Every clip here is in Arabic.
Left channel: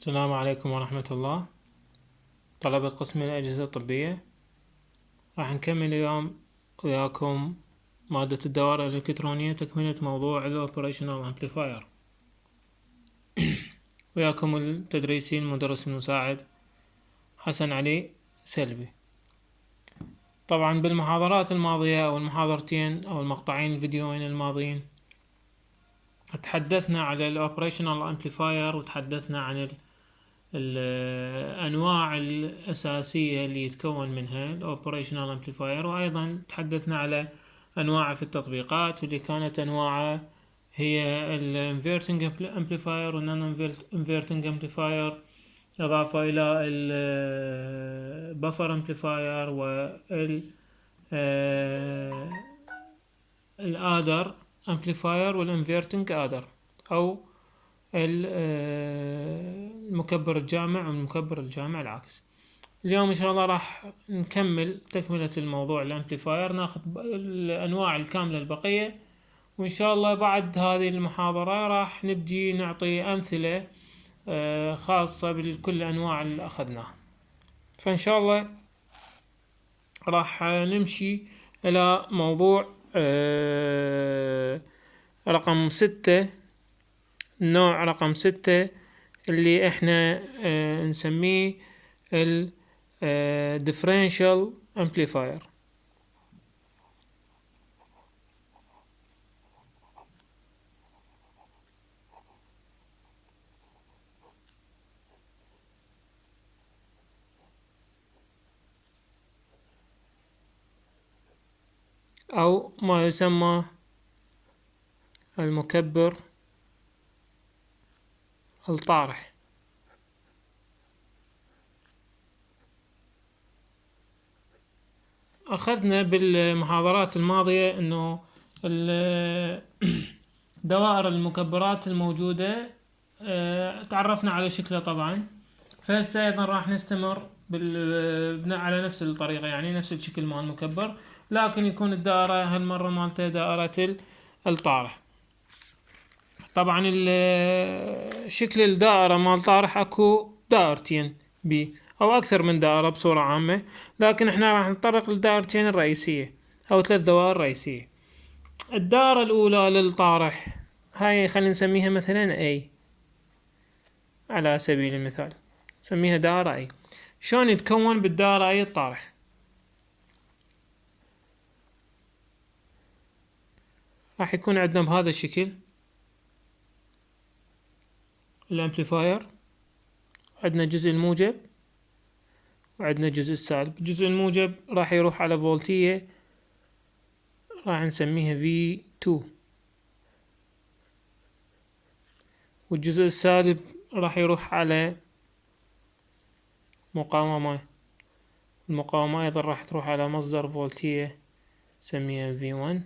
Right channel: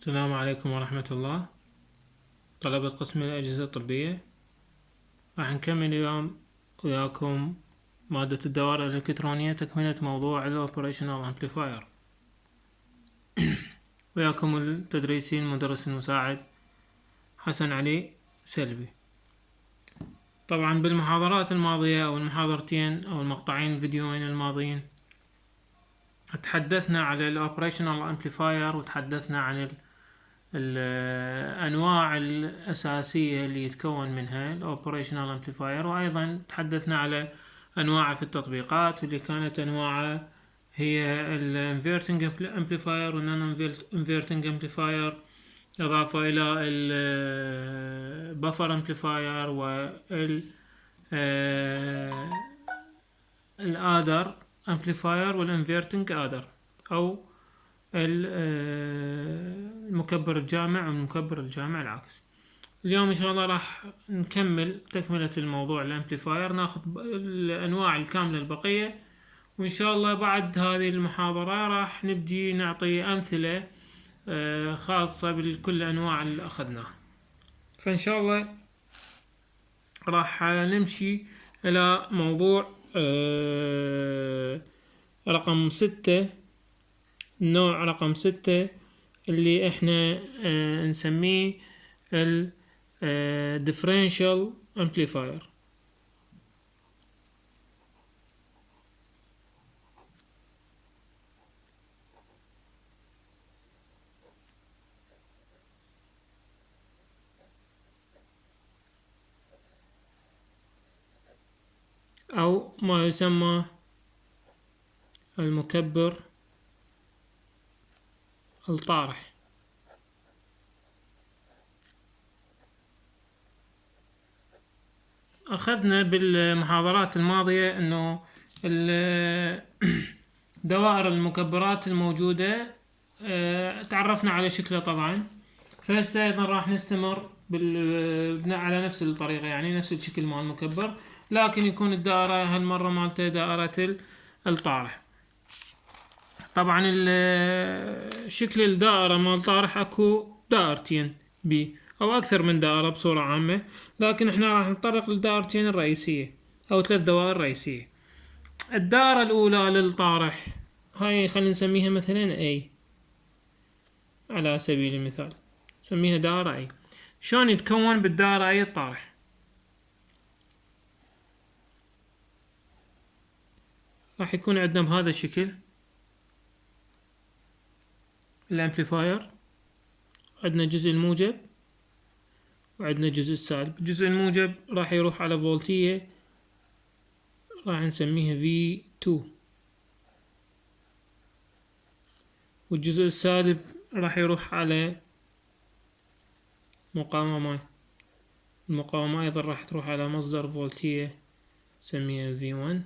السلام عليكم ورحمة الله. طلبة قسم الأجهزة الطبية، راح نكمل اليوم وياكم مادة الدوائر الإلكترونية، تكملة موضوع ال Operational Amplifier. وياكم التدريسي المدرس المساعد حسن علي سلبي. طبعا بالمحاضرات الماضية أو المحاضرتين أو المقطعين الفيديوين الماضيين تحدثنا على ال Operational Amplifier، وتحدثنا عن الأنواع الأساسية اللي يتكون منها ال Operational Amplifier، وأيضا تحدثنا على أنواع في التطبيقات، واللي كانت أنواع هي ال Inverting Amplifier و Non Inverting Amplifier، إضافة إلى ال Buffer Amplifier وال Adder Amplifier وال Inverting Adder، أو المكبر الجامع والمكبر الجامع العكس. اليوم ان شاء الله راح نكمل تكملة الموضوع الامبليفاير، ناخذ الانواع الكاملة البقية، وان شاء الله بعد هذه المحاضرة راح نبدي نعطي امثلة خاصة بكل الانواع اللي اخذناها. فان شاء الله راح نمشي الى موضوع رقم 6، النوع رقم 6 اللي احنا نسميه ال differential amplifier. او ما يسمى المكبر الطارح. أخذنا بالمحاضرات الماضية أنه دوائر المكبرات الموجودة تعرفنا على شكلها طبعا، فهسه أيضا راح نستمر بناء على نفس الطريقة، يعني نفس الشكل مع المكبر، لكن يكون الدائرة هالمرة مالته دائرة الطارح. طبعا شكل الدائرة مال طارح اكو دائرتين او اكثر من دائرة بصورة عامة، لكن احنا راح نتطرق للدائرتين الرئيسية او 3 دوائر رئيسية. الدائرة الاولى للطارح هاي خلينا نسميها مثلا A على سبيل المثال، نسميها دائرة A. شلون يتكون بالدائرة A الطارح؟ راح يكون عندنا بهذا الشكل الامبليفاير، عندنا جزء الموجب وعندنا جزء السالب. الجزء الموجب راح يروح على فولتية راح نسميها V2، والجزء السالب راح يروح على مقاومة، المقاومة ايضا راح تروح على مصدر فولتية نسميها V1،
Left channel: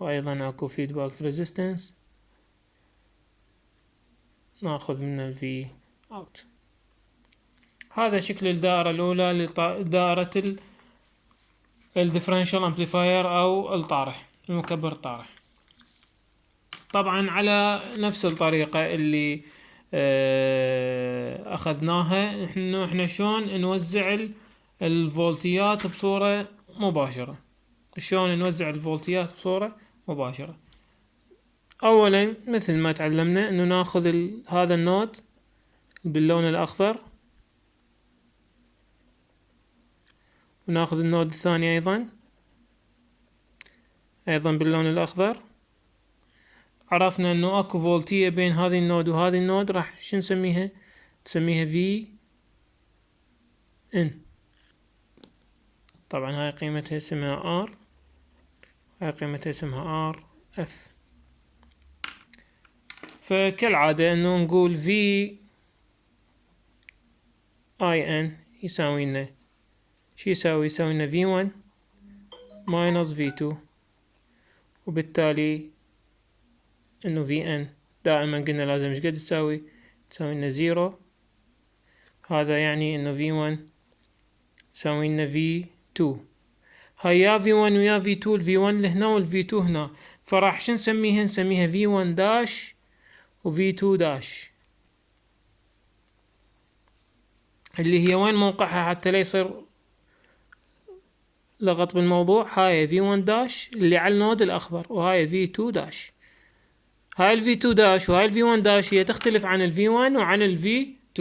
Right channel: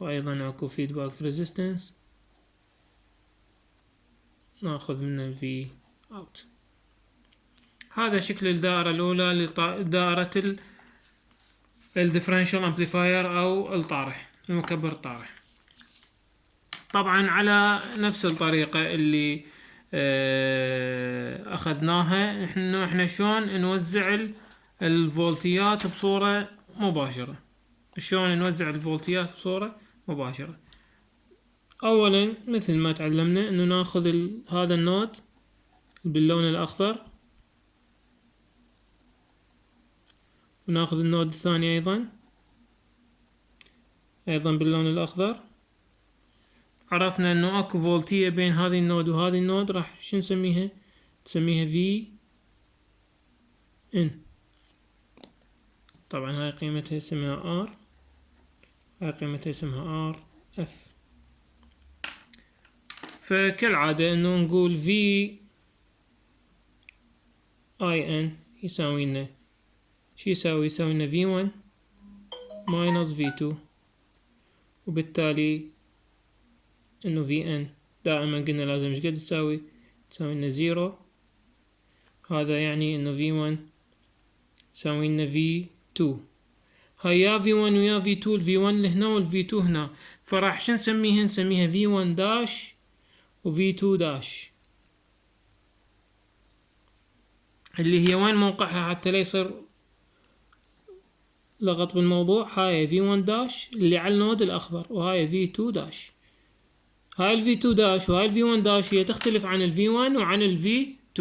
وايضا اكو فيدباك ريزيستنس ناخذ من ال V out. هذا شكل الدائرة الأولى لدائرة الديفرنشال امبليفاير أو الطارح، المكبر الطارح. طبعا على نفس الطريقة اللي أخذناها احنا شلون نوزع الفولتيات بصورة مباشرة. شلون نوزع الفولتيات بصورة مباشرة؟ أولا مثل ما تعلمنا انه ناخذ هذا النود باللون الأخضر، وناخذ النود الثاني أيضا باللون الأخضر. عرفنا انه اكو فولتية بين هذه النود وهذه النود، راح شو نسميها؟ نسميها VN. طبعا هاي قيمتها اسمها R، هاي قيمتها اسمها RF. فكالعادة انه نقول VIN يساوي لنا شو يساوي لنا V1 minus V2، وبالتالي انه VN دائما قلنا لازم ايش قد تساوي لنا 0. هذا يعني انه V1 تساوي لنا V2. هاي يا V1 ويا V2، ال V1 هنا وال V2 هنا، فراح شو نسميها؟ نسميها V1 داش V2 داش، اللي هي وين موقعها حتى لا يصير لغط بالموضوع. هاي V1 داش اللي على النود الأخضر، وهاي V2 داش. هاي ال V2 داش وهاي ال V1 داش هي تختلف عن ال V1 وعن ال V2.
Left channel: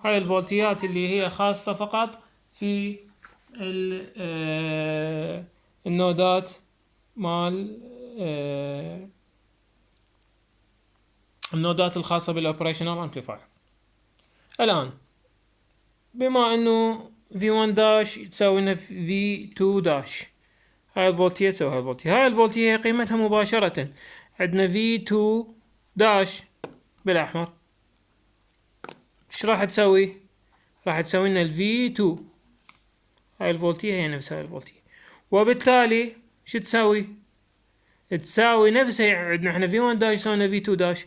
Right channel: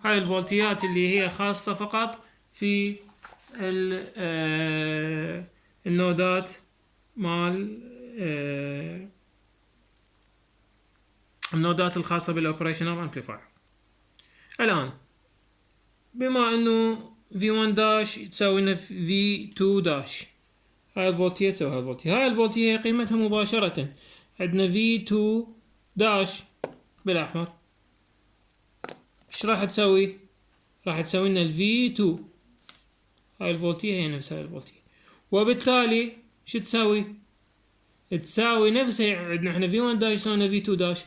هاي الفولتيات اللي هي خاصة فقط في النودات مال النودات الخاصة بالاوبريشنال امبليفاير. الآن بما انه V1 داش تساوي لنا V2 داش، هاي الفولتية تساوي هاي الفولتية. هاي الفولتية هي قيمتها مباشرة عندنا V2 داش بالأحمر. ايش راح تسوي؟ راح تسوي لنا ال V2. هاي الفولتية هي نفسها الفولتية، وبالتالي شو تساوي؟ تساوي نفسها. عندنا احنا V1 داش يساوي V2 داش،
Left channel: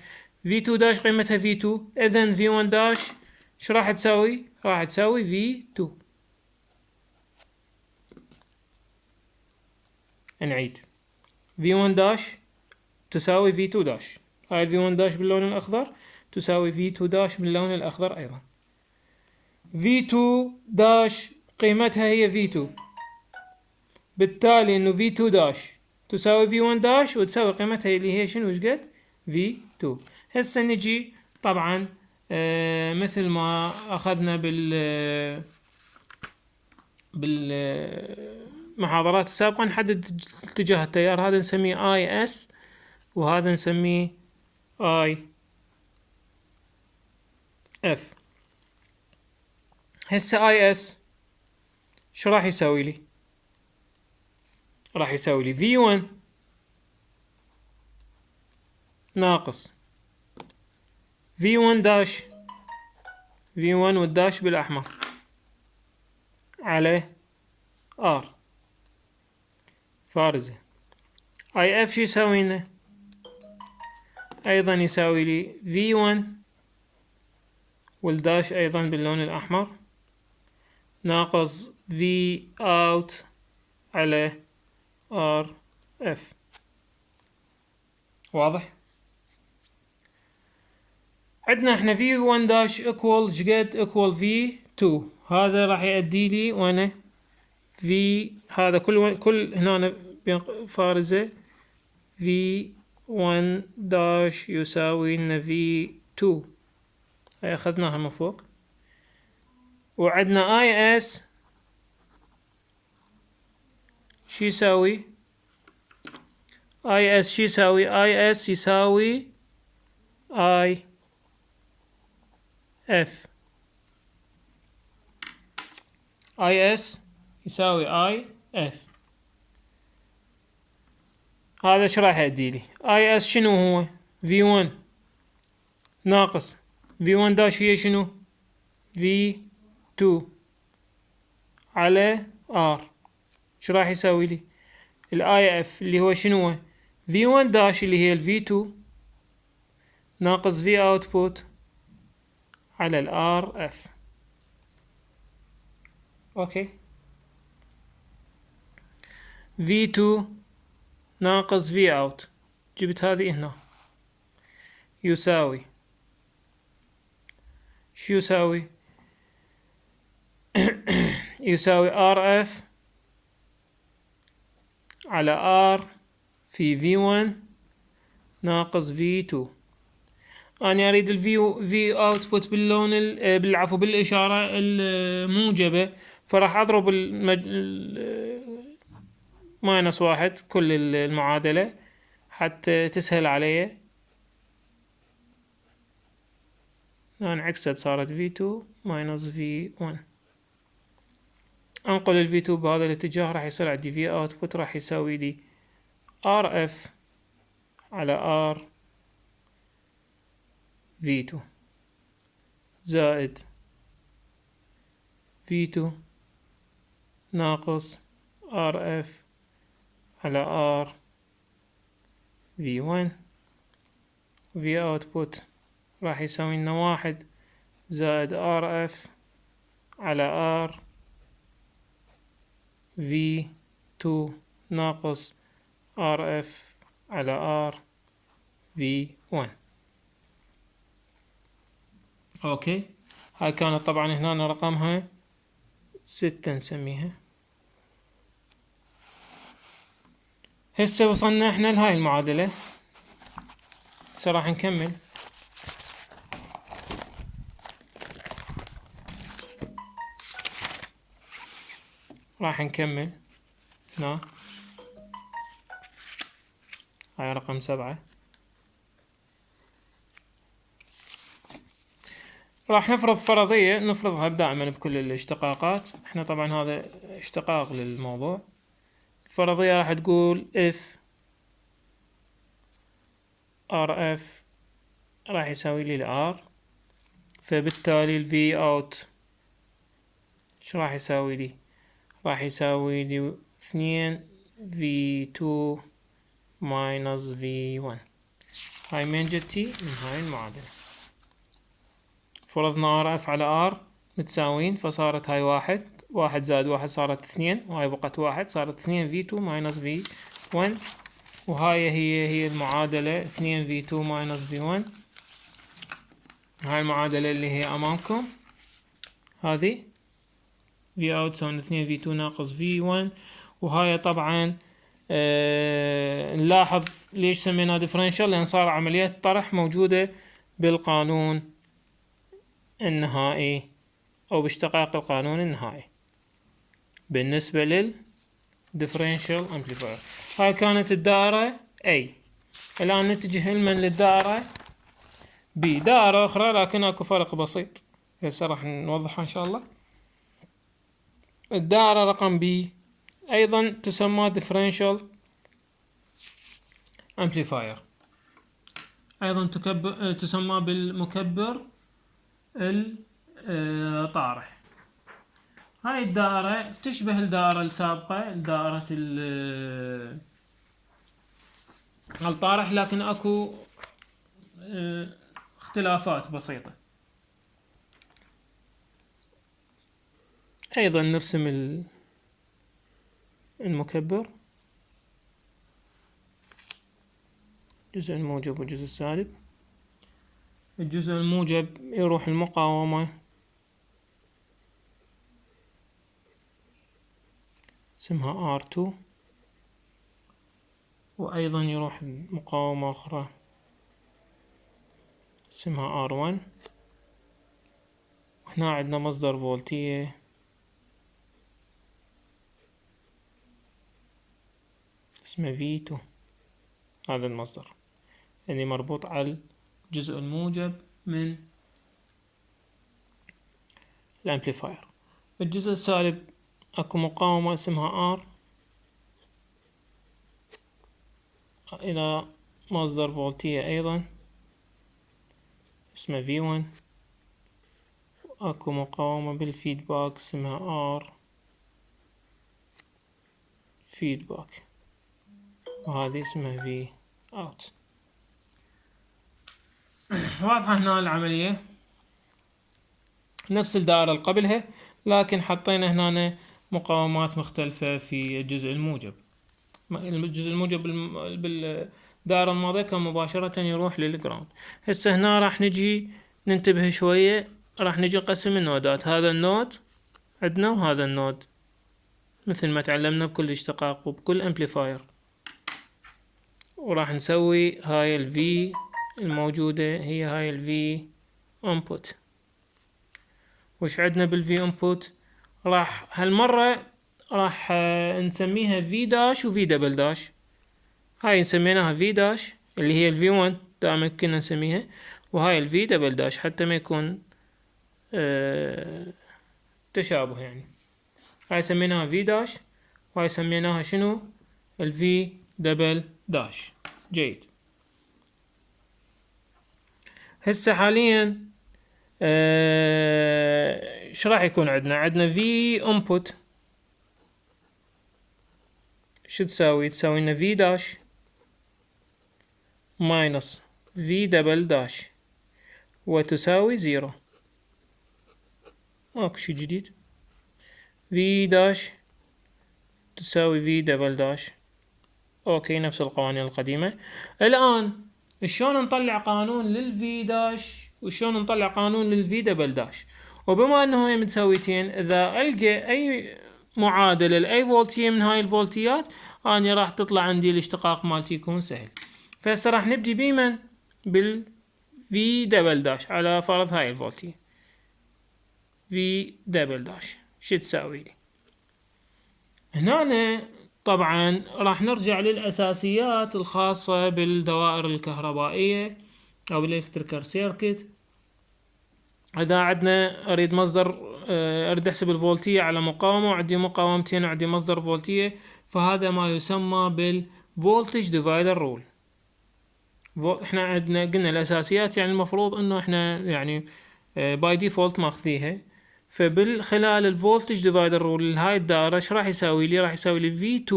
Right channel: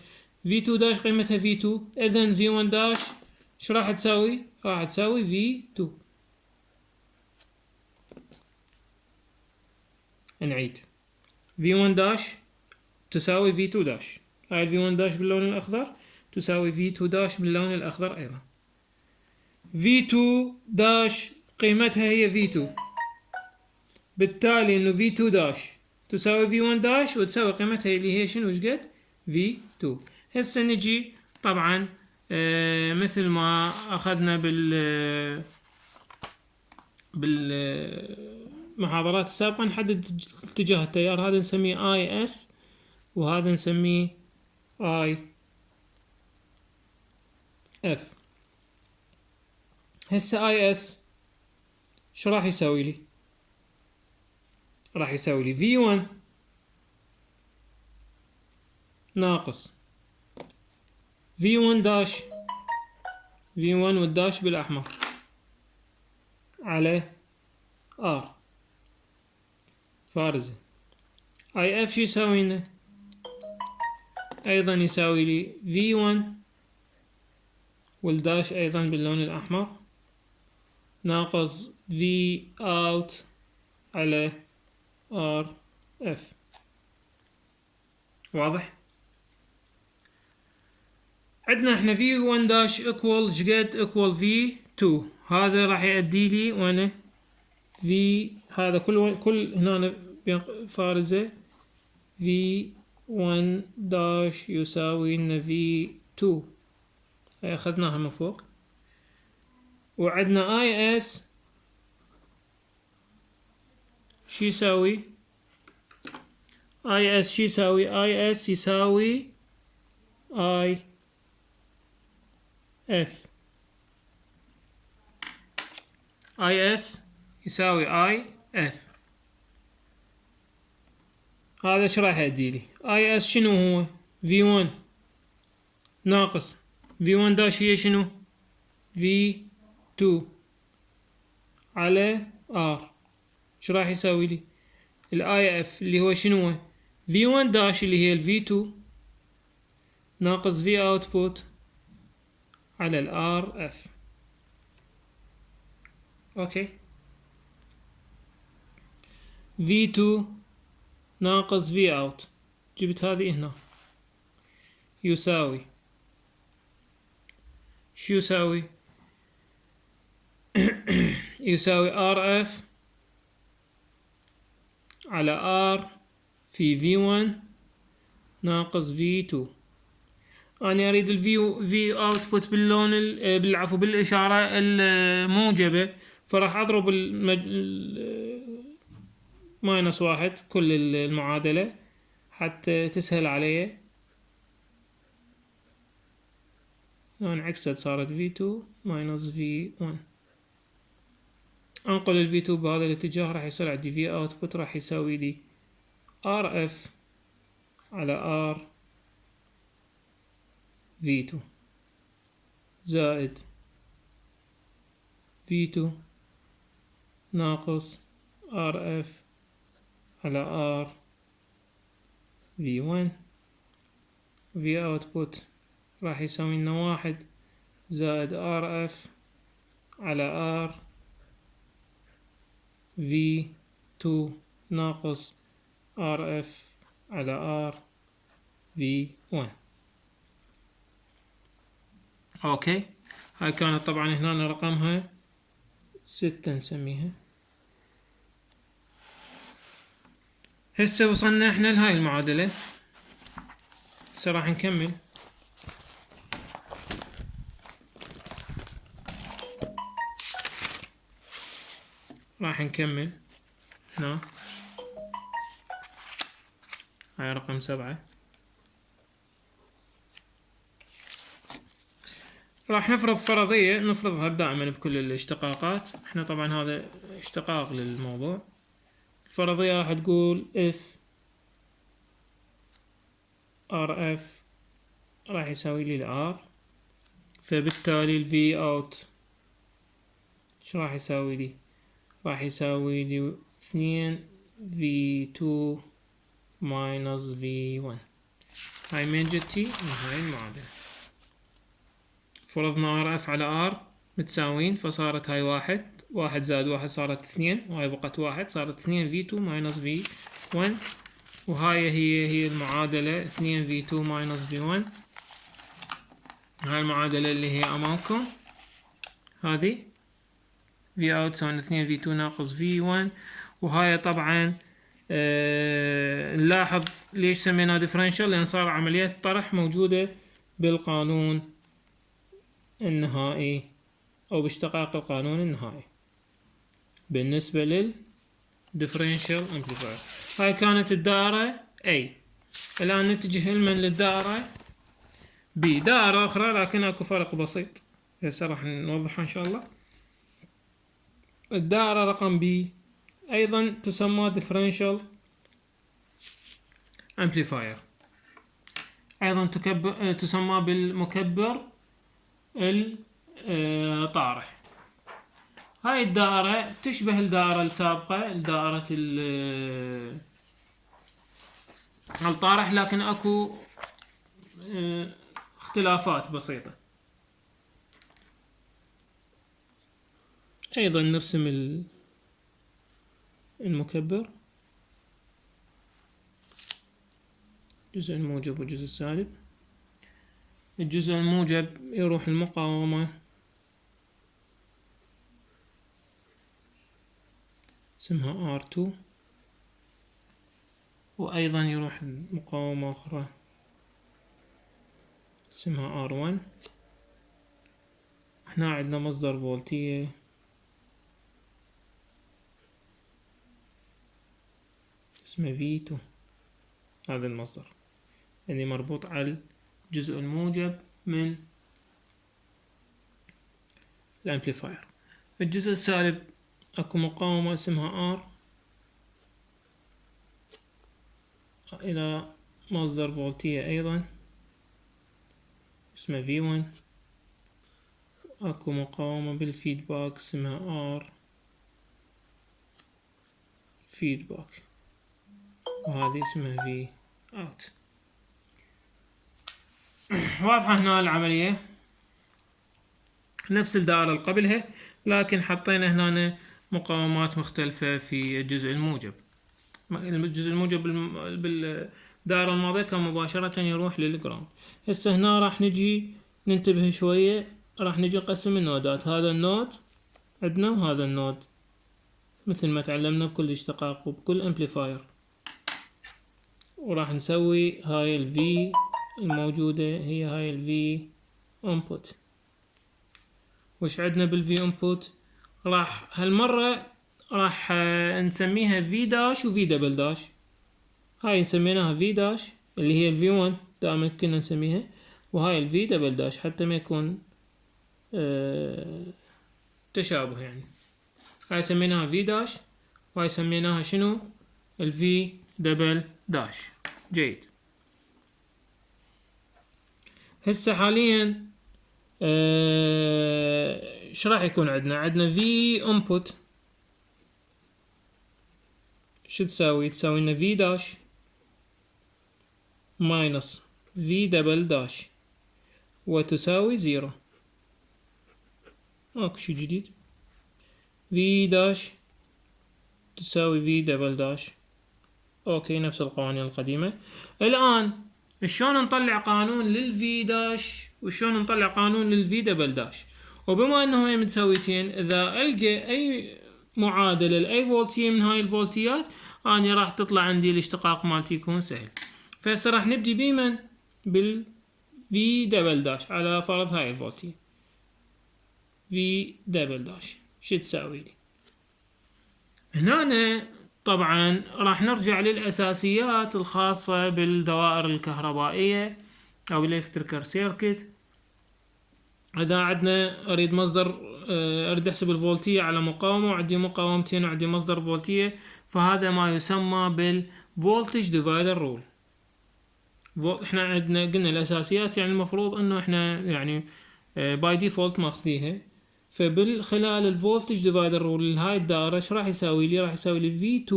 V2 داش قيمتها V2، اذا V1 داش ايش راح تساوي؟ راح تساوي V2. نعيد، V1 داش تساوي V2 داش. هاي V1 داش باللون الأخضر تساوي V2 داش باللون الأخضر أيضا. V2 داش قيمتها هي V2، بالتالي إنه V2 داش تساوي V1 داش وتساوي قيمتها اللي هي شنو وش قد؟ V2. هسه نجي طبعا مثل ما أخذنا بالمحاضرات السابقة نحدد اتجاه التيار. هذا نسميه IS وهذا نسميه IF. هسه IS شو راح يساوي لي؟ راح يساوي لي V1 ناقص V1 داش، V1 والداش بالأحمر، على R فارزة. IF شو يساوي لنا؟ أيضا يساوي لي V1 والداش أيضا باللون الأحمر ناقص V out على RF. واضح؟ عندنا احنا V1 داش equal جد equal V2. هذا راح يؤدي لي وانا V هذا كل هنا فارزة V1 داش يساوي لنا V2. هاي اخذناها من فوق. وعندنا IS شو يساوي؟ IS شو يساوي؟ IS يساوي IF. IS يساوي IF. هذا ايش راح يؤدي لي؟ IS شنو هو؟ V1 ناقص V1 داش هي شنو؟ V2 على R. ايش راح يساوي لي؟ ال IF اللي هو شنو هو؟ V1 داش اللي هي ال V2 ناقص V output على ال RF. اوكي، V2 ناقص V out، جبت هذه هنا، يساوي شو يساوي؟ يساوي RF على R في V1 ناقص V2. أنا أريد ال V output باللون بالعفو بالإشارة الموجبة، فراح أضرب ماينس واحد كل المعادلة حتى تسهل علي. انعكست صارت V2 ماينس V1. انقل ال V2 بهذا الاتجاه راح يصير عندي V output راح يساوي لي RF على R V2 زائد V2 ناقص RF على R V1. V output راح يساوي لنا واحد زائد RF على R V2 ناقص RF على R V1. اوكي. هاي كانت طبعا هنا رقمها 6 نسميها. هسه وصلنا احنا لهاي المعادلة. هسه راح نكمل. راح نكمل هنا. هاي رقم 7. راح نفرض فرضية نفرضها دائما بكل الاشتقاقات. احنا طبعا هذا اشتقاق للموضوع. الفرضية راح تقول if RF راح يساوي لي R، فبالتالي ال V out ايش راح يساوي لي؟ راح يساوي لي 2 V2 minus V1. هاي من جتي من هاي المعادلة. فرضنا RF على R متساوين، فصارت هاي 1 زائد 1 صارت 2، وهاي بقت 1 صارت 2 V2 minus V1. وهاي هي المعادلة 2 V2 minus V1. هاي المعادلة اللي هي أمامكم هذه V out تساوي 2 V2 ناقص V1. وهاي طبعا نلاحظ ليش سميناها differential، لأن صار عملية طرح موجودة بالقانون النهائي أو باشتقاق القانون النهائي بالنسبة لل differential amplifier. هاي كانت الدائرة A. الآن نتجه للدائرة B، دائرة أخرى لكن أكو فرق بسيط هسه راح نوضحها إن شاء الله. الدائرة رقم B أيضا تسمى differential amplifier، أيضا تسمى بالمكبر الطارح. هاي الدائرة تشبه الدائرة السابقة، دائرة الطارح، لكن أكو اختلافات بسيطة. أيضا نرسم المكبر، الجزء الموجب والجزء السالب. الجزء الموجب يروح المقاومة اسمها R2، وأيضا يروح مقاومة أخرى اسمها R1. هنا عندنا مصدر فولتية اسمه V2، هذا المصدر يعني مربوط على الجزء الموجب من الامبليفاير. الجزء السالب اكو مقاومة اسمها R الى مصدر فولتية ايضا اسمه V1. اكو مقاومة بالفيدباك اسمها R فيدباك، وهذه اسمها V out. واضحة هنا العملية، نفس الدائرة اللي قبلها، لكن حطينا هنا مقاومات مختلفة في الجزء الموجب. الجزء الموجب بالدائرة الماضية كان مباشرة يروح للجراوند. هسه هنا راح نجي ننتبه شوية، راح نجي قسم النودات. هذا النود عندنا وهذا النود، مثل ما تعلمنا بكل اشتقاق وبكل امبليفاير. وراح نسوي هاي ال V الموجودة هي هاي ال V input. وش عندنا بال V input؟ راح هالمرة راح نسميها V داش و V دبل داش. هاي نسميناها V داش اللي هي ال V1 دائما كنا نسميها، وهاي ال V دبل داش حتى ما يكون تشابه يعني. هاي سميناها V داش وهاي سميناها شنو؟ ال V دبل داش. جيد. هسه حاليا ايش راح يكون عندنا V input شو تساوي؟ تساوي لنا V داش ماينس V دبل داش وتساوي 0. ماكو شي جديد. V داش تساوي V دبل داش. اوكي، نفس القوانين القديمة. الآن شلون نطلع قانون لل V داش وشلون نطلع قانون للفي دبل داش. وبما انه هي متساويتين، اذا القى اي معادلة لاي فولتية من هاي الفولتيات اني راح تطلع عندي الاشتقاق مالتي يكون سهل. فهسه راح نبدي بمن؟ بالفي دبل داش على فرض هاي الفولتية. في دبل داش شو تساوي لي؟ هنا طبعا راح نرجع للأساسيات الخاصة بالدوائر الكهربائية أو بالإلكتريكال سيركت. إذا عندنا أريد مصدر، أريد أحسب الفولتية على مقاومة وعندي مقاومتين وعندي مصدر فولتية، فهذا ما يسمى بالفولتج ديفايدر رول. احنا عندنا قلنا الأساسيات، يعني المفروض إنه احنا يعني باي ديفولت ماخذيها. فبالخلال الفولتج ديفايدر رول هاي الدائرة ايش راح يساوي لي؟ راح يساوي لي V2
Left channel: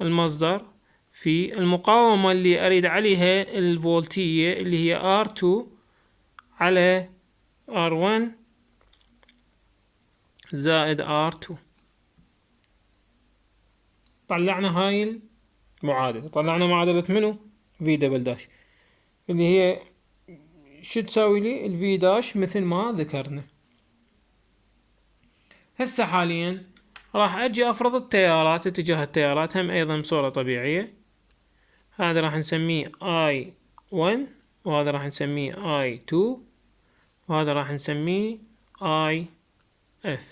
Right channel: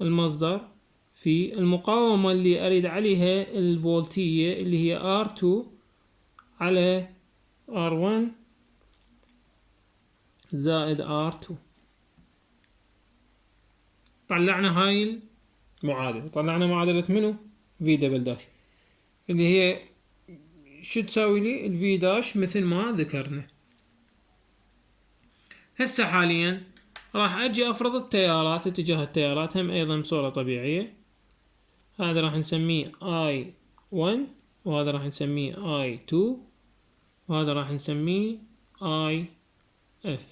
المصدر في المقاومة اللي أريد عليها الفولتية اللي هي R2 على R1 زائد R2. طلعنا هاي المعادلة، طلعنا معادلة منو؟ V دبل داش، اللي هي شو تساوي لي؟ ال V داش مثل ما ذكرنا. هسه حاليا راح اجي افرض التيارات، اتجاه التيارات هم ايضا بصورة طبيعية. هذا راح نسميه I1 وهذا راح نسميه I2 وهذا راح نسميه IF.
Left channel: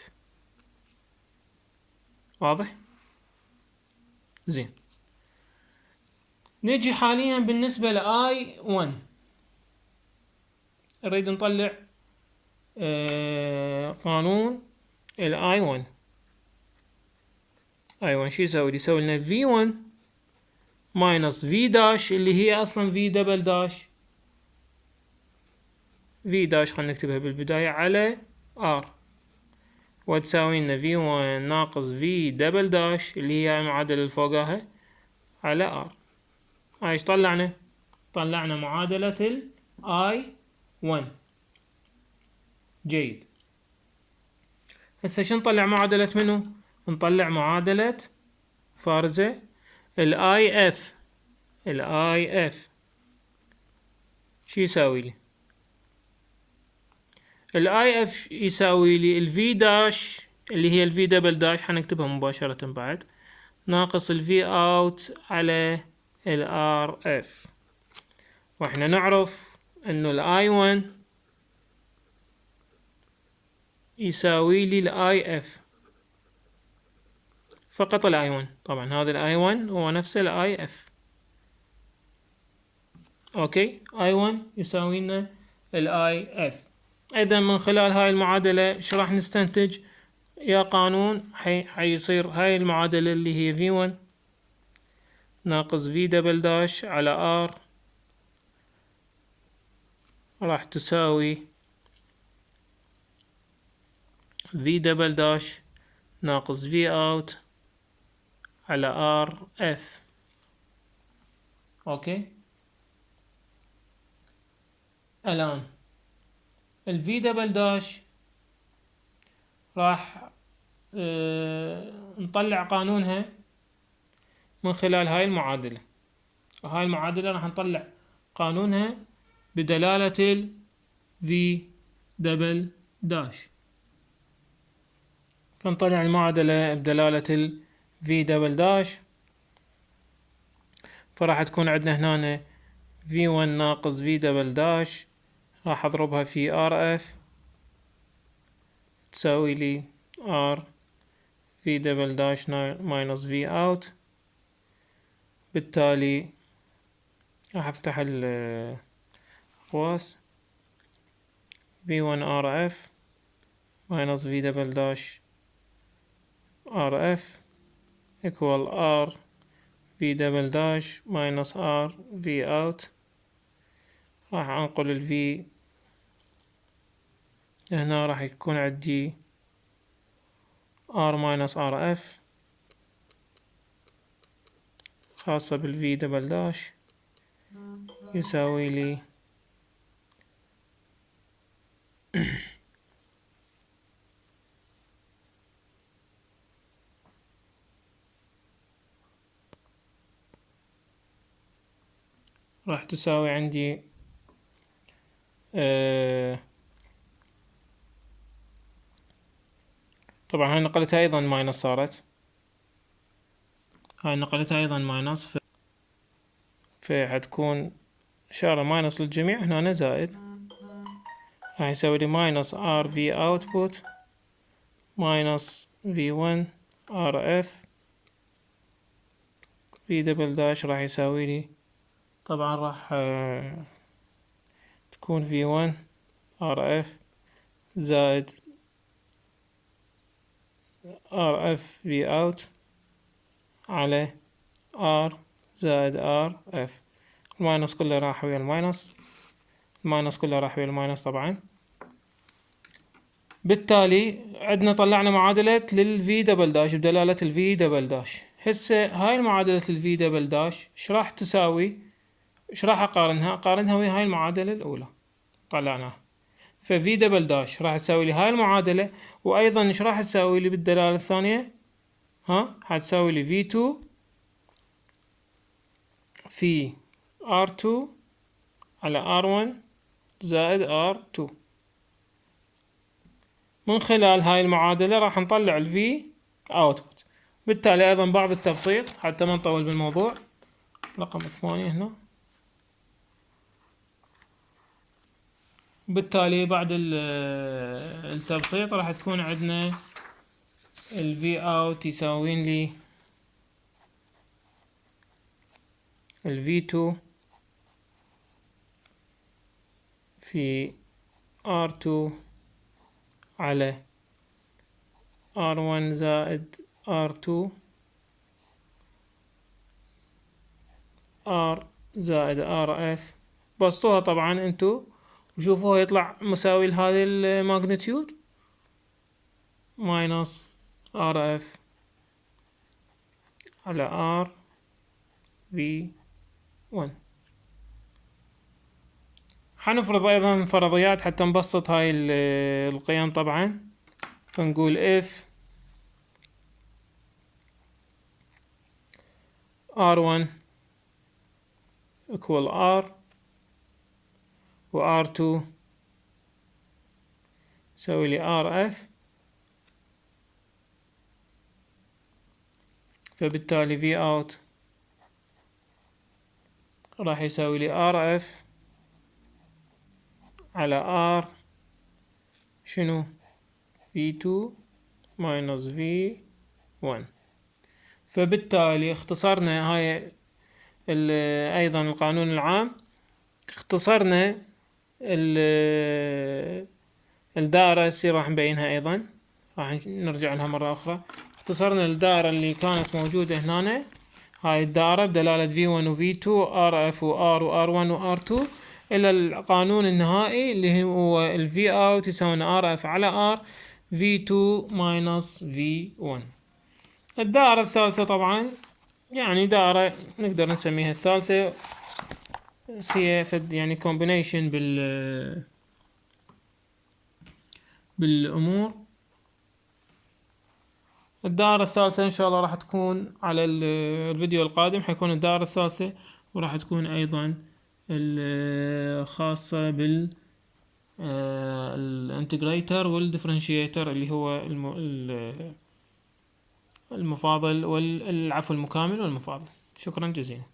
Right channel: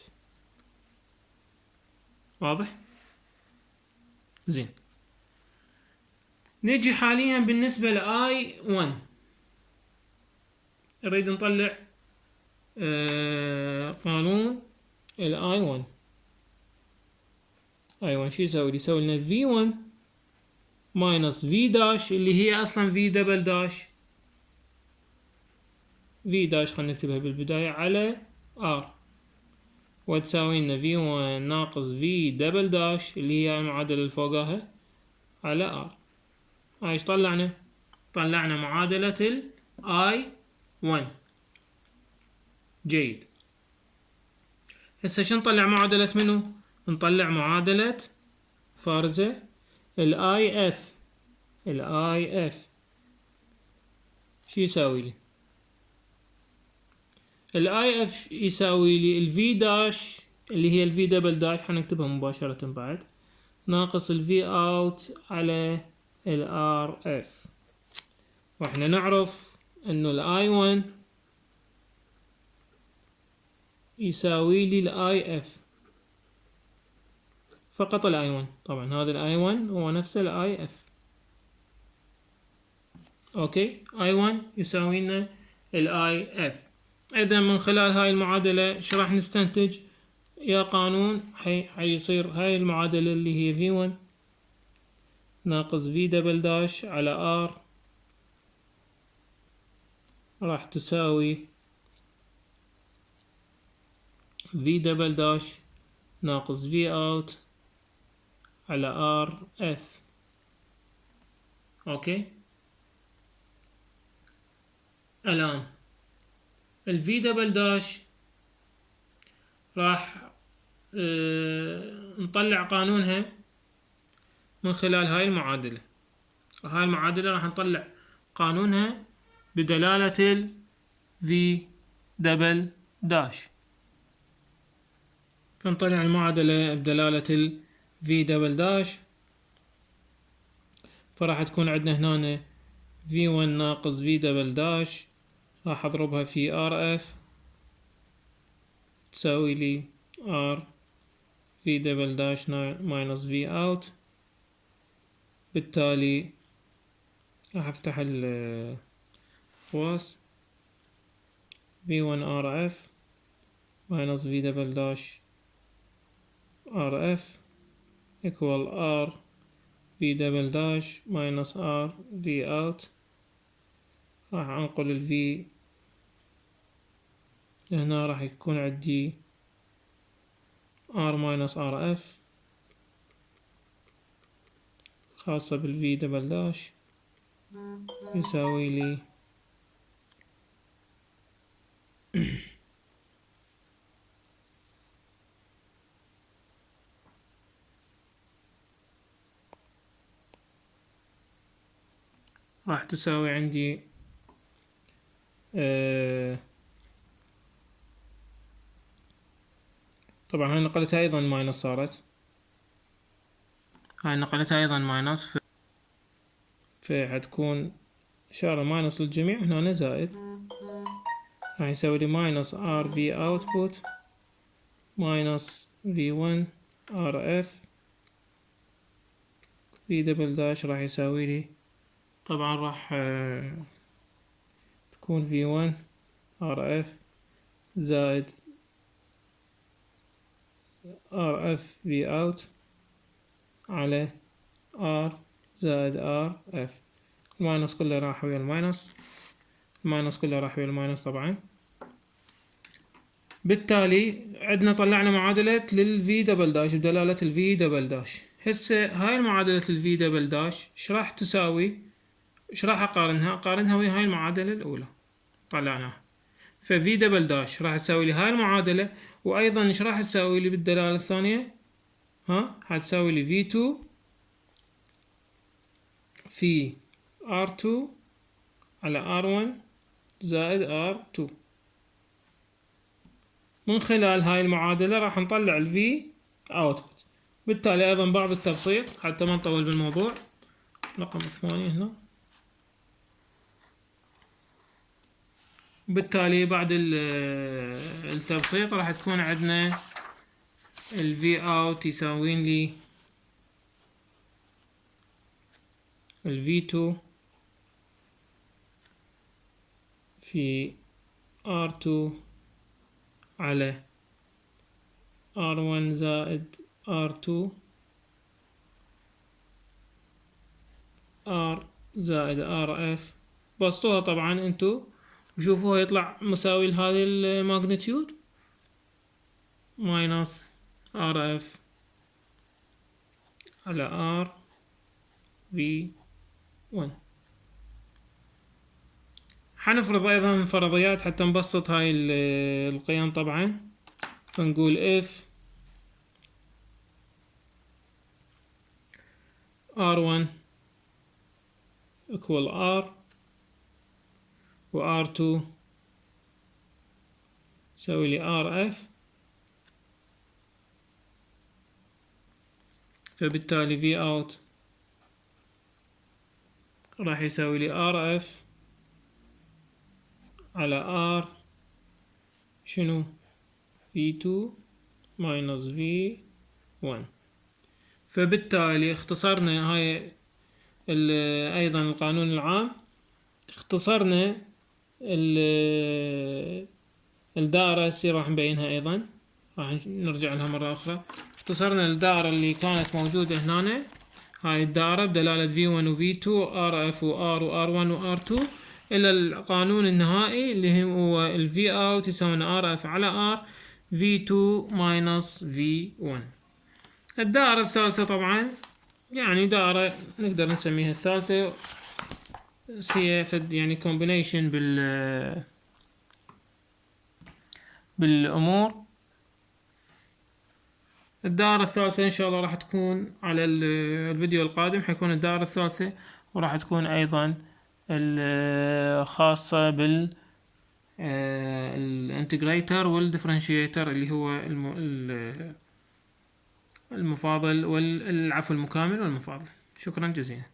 واضح؟ زين. نجي حاليا بالنسبة ل I1 نريد نطلع قانون ال I1 شو يسوي؟ يسوي لنا V1 ماينس V داش اللي هي اصلا V دبل داش. V داش خلينا نكتبها بالبداية على R، وتساوي لنا V1 ناقص V دبل داش اللي هي المعادلة اللي فوقها على R. هاي ايش طلعنا؟ طلعنا معادلة ال I1. جيد. هسه شو نطلع معادلة منو؟ نطلع معادلة فارزة ال IF. ال IF شو يساوي لي؟ ال IF يساوي لي ال V داش اللي هي ال V دبل داش، حنكتبها مباشرة بعد، ناقص ال V out على ال RF. واحنا نعرف انه ال I1 يساوي لي ال IF فقط. ال I1 طبعا هذا ال I1 هو نفسه ال IF. اوكي، I1 يساوي لنا ال IF. اذا من خلال هاي المعادلة ايش راح نستنتج؟ يا قانون حيصير هاي المعادلة اللي هي V1 ناقص V دبل داش على R راح تساوي V دبل داش ناقص V out على RF. اوكي، الآن ال V دبل داش راح نطلع قانونها من خلال هاي المعادلة. هاي المعادلة راح نطلع قانونها بدلالة ال V دبل داش. فنطلع المعادلة بدلالة ال V دبل داش، فراح تكون عندنا هنا V1 ناقص V دبل داش راح اضربها في RF تساوي لي R V دبل داش ماينس V out. بالتالي راح افتح الخواص V1 RF ماينس V دبل داش RF equal R V دبل داش ماينس R V out. راح انقل ال V هنا، راح يكون عندي R ماينس RF خاصة بال V دبل داش يساوي لي راح تساوي عندي طبعا هاي نقلتها ايضا ماينس، صارت هاي نقلتها ايضا ماينس، فحتكون شغلة ماينس للجميع، هنا زائد، راح يسوي لي ماينس ار في اوتبوت ماينس في 1 ار اف في دبل داش، راح يساوي لي طبعا راح تكون في 1 ار اف زائد ار اف في اوت على ار زائد ار اف. الماينس كله راح ويا الماينس، الماينس كله راح ويا الماينس طبعا. بالتالي عندنا طلعنا معادلة للفي دبل داش بدلالة الفي دبل داش. هسه هاي المعادلة الفي دبل داش ايش راح تساوي؟ ايش راح اقارنها؟ اقارنها ويا هاي المعادلة الاولى طلعناها، ففي دبل داش راح تساوي لي هاي المعادلة، وايضا ايش راح تساوي لي بالدلالة الثانية؟ هتساوي لي في 2 في R2 على R1 زائد R2. من خلال هاي المعادلة راح نطلع ال V output. بالتالي أيضا بعض التبسيط حتى ما نطول بالموضوع، رقم 8 هنا. بالتالي بعد التبسيط راح تكون عندنا ال V out يساوين لي ال V2 في R2 على R1 زائد R2 R زائد RF. بسطوها طبعا انتو وشوفوها يطلع مساوي لهذه الماجنتيود ماينس RF على R V1. حنفرض ايضا فرضيات حتى نبسط هاي القيم طبعا. فنقول if R1 equal R و R2 يسوي لي RF، فبالتالي V out راح يساوي لي RF على R شنو V2 minus V1. فبالتالي اختصرنا هاي ايضا القانون العام، اختصرنا الدائرة هسه راح نبينها ايضا، راح نرجع لها مرة اخرى. اختصرنا الدائرة اللي كانت موجودة هنا، هاي الدائرة بدلالة V1 و V2 RF و R و R1 و R2 الى القانون النهائي اللي هو ال V out يساوي RF على R V2 minus V1. الدائرة الثالثة طبعا يعني دائرة نقدر نسميها الثالثة، هي يعني combination بالأمور. الدائرة الثالثة إن شاء الله راح تكون على الفيديو القادم، حيكون الدائرة الثالثة، وراح تكون أيضا الخاصة بال الانتجريتر والديفرنشيتر اللي هو المفاضل والعفو المكامل والمفاضل. شكرا جزيلا.